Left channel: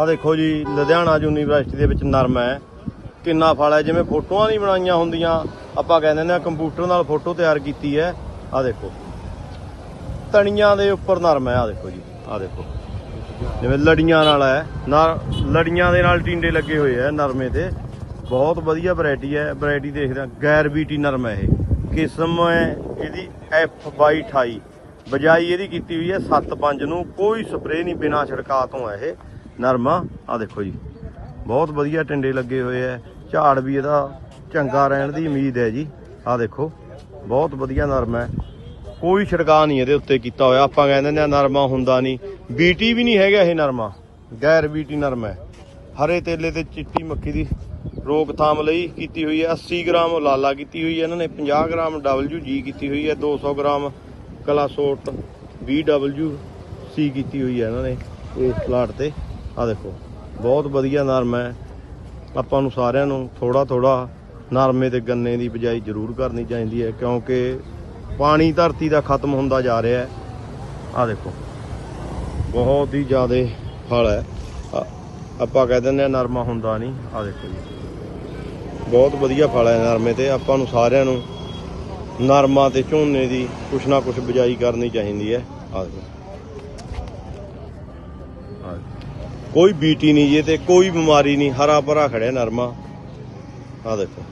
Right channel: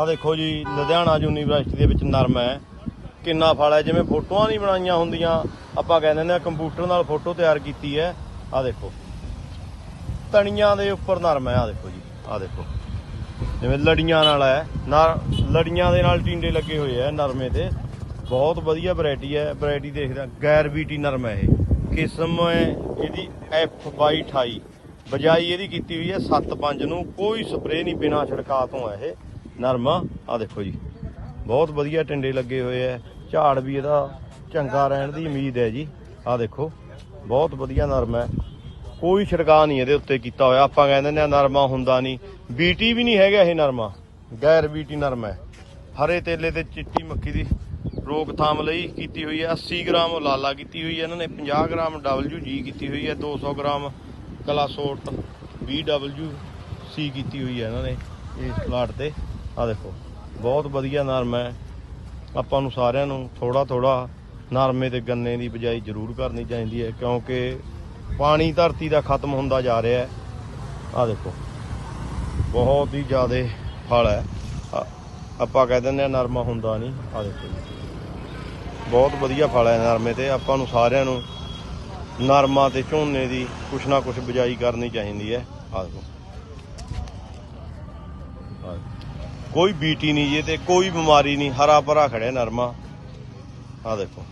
ਆ ਦੇਖੋ ਜੀ, ਲੁਧਿਆਣਾ ਯੂਨੀਵਰਸਿਟੀ ਦੇ ਵਿੱਚ ਨਰਮ ਹੈ। ਕਿੰਨਾ ਫਲ ਹੈ, ਜਿਵੇਂ ਫੋਟੋਆਂ ਨਹੀਂ ਬਣਾਈਆਂ ਹੁੰਦੀਆਂ। ਆਪਾਂ ਕਹਿੰਦੇ ਨੇ ਕੰਪਿਊਟਰ ਨਾਲ ਫੋਟੋ ਤਿਆਰ ਕੀਤੀ ਹੈ। ਆ ਦੇਖੋ। ਤਣੀਆਂ ਦੇ ਉੱਪਰ ਨਰਮ ਹੈ ਆ ਦੇਖੋ ਜੀ ਆ ਦੇਖੋ। ਜਿਵੇਂ ਲੜੀਆਂ ਨਾਲ ਹੈ ਲੜੀਆਂ ਦੇ ਨਾਲ ਟਿੰਡੇ ਲੱਗੇ ਹੋਏ ਆ ਨਰਮੇ ਤੇ ਬਹੁਤ ਵਧੀਆ ਵੈਰਾਈਟੀ ਹੈ ਵੈਰਾਈਟੀ ਦੇਖਦਾ ਗੈਰ ਬੀਟੀ ਨਰਮ ਹੈ ਇਹ। ਕਿਸਮ ਹੈ ਇਹਦੀ F2228 ਬਜਾਈ ਇਹਦੀ ਕੀਤੀ ਹੋਈ ਹੈ 7.5 ਨੂੰ। ਕੋਈ ਸਪਰੇਅ ਨਹੀਂ ਬਿਨਾ ਛਿੜਕਾਅ ਤੋਂ ਹੈ ਇਹ। ਨਰਮਾ ਆ ਦੇਖੋ ਜੀ। ਬਹੁਤ ਵਧੀਆ ਟਿੰਡੇ ਲੱਗੇ ਹੋਏ ਆ ਝਾੜ ਵੀ ਇਹਦਾ ਚੰਗਾ ਰਹਿਣ ਦੀ ਉਮੀਦ ਹੈ ਜੀ। ਆ ਦੇਖੋ, ਬਹੁਤ ਵਧੀਆ ਨਰਮਾ ਹੈ ਕੋਈ ਛਿੜਕਾਅ ਨਹੀਂ ਇਹਦੇ ਉੱਤੇ ਕੀਤਾ ਹੋਇਆ। ਆਪਾਂ ਕਹਿੰਦੇ ਨੇ ਨਰਮਾ ਹੁੰਦਾ ਨਹੀਂ। ਬੀਟੀ ਵੀ ਨਹੀਂ ਹੈਗਾ ਇਹ ਨਰਮਾ। ਗੈਰ ਬੀਟੀ ਨਰਮਾ ਹੈ ਹਰੇ ਤੇਲੇ ਤੇ ਚਿੱਟੀ ਮੱਖੀ ਦੀ ਰੋਕਥਾਮ ਲਈ ਕੀਤੀ ਹੋਈ ਹੈ 80 ਗ੍ਰਾਮ ਲਾਲਾ ਕੀਤੀ ਹੋਈ ਹੈ ਇਹਨਾਂ ਨੇ 50 ਗ੍ਰਾਮ WG ਕੀਤੀ ਹੋਈ ਹੈ 200 ਗ੍ਰਾਮ ਕਲਾਸੋਟ BWC ਕੀਤੀ ਹੋਈ ਹੈ ਇਹਨਾਂ ਨੇ ਇਸ ਪਲਾਟ ਤੇ। ਆ ਦੇਖੋ, ਬਹੁਤ ਵਧੀਆ ਨਰਮਾ ਹੈ। ਆਪਾਂ ਨੂੰ ਸਾਰਿਆਂ ਨੂੰ ਥੋੜਾ ਥੋੜਾ ਨਰਮੇ ਤੇ ਗੰਨੇ ਦੀ ਬਿਜਾਈ ਜ਼ਰੂਰ ਕਰਨੀ ਚਾਹੀਦੀ ਹੈ, ਕਿਉਂਕਿ ਪਾਣੀ ਧਰਤੀ ਦਾ ਖਤਮ ਹੁੰਦਾ ਜਾ ਰਿਹਾ ਹੈ। ਆ ਦੇਖੋ, ਬਹੁਤ ਹੀ ਜ਼ਿਆਦਾ ਫਲ ਹੈ। ਆਪਾਂ ਕਹਿ ਦਿੰਦੇ ਆ ਨਰਮਾ ਹੁੰਦਾ ਨਹੀਂ। ਆ ਦੇਖੋ ਬਹੁਤ ਵਧੀਆ ਫਲ ਹੈ ਨਰਮੇ ਤੇ। ਆਪਾਂ ਨੂੰ ਸਾਰਿਆਂ ਨੂੰ ਨਰਮਾ ਤੇ ਝੋਨੇ ਦੀ ਕੁਛ ਨਾ ਕੁਛ ਬਿਜਾਈ ਕਰਨੀ ਚਾਹੀਦੀ ਹੈ। ਆ ਦੇਖੋ। ਕੋਈ ਬੀਟੀ ਨਹੀਂ ਜੇ ਤੇ ਕੋਈ ਬਿਮਾਰੀ ਨਹੀਂ, ਹਰਾ ਭਰਾ ਖੜਿਆ ਨਰਮਾ। ਆ ਦੇਖੋ।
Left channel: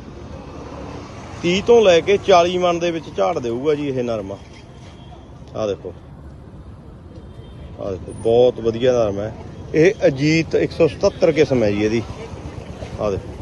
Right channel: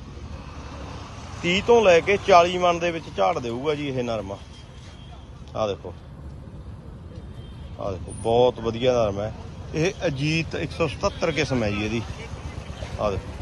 30 ਤੋਂ ਲੈ ਕੇ 40 ਮਣ ਦੇ ਵਿੱਚ ਝਾੜ ਦੇਊਗਾ ਜੀ ਇਹ ਨਰਮਾ। ਆ ਦੇਖੋ। ਆ ਦੇਖੋ, ਬਹੁਤ ਵਧੀਆ ਨਰਮਾ ਹੈ। ਇਹ ਅਜੀਤ 177 ਕਿਸਮ ਹੈ ਜੀ ਇਹਦੀ। ਆ ਦੇਖੋ।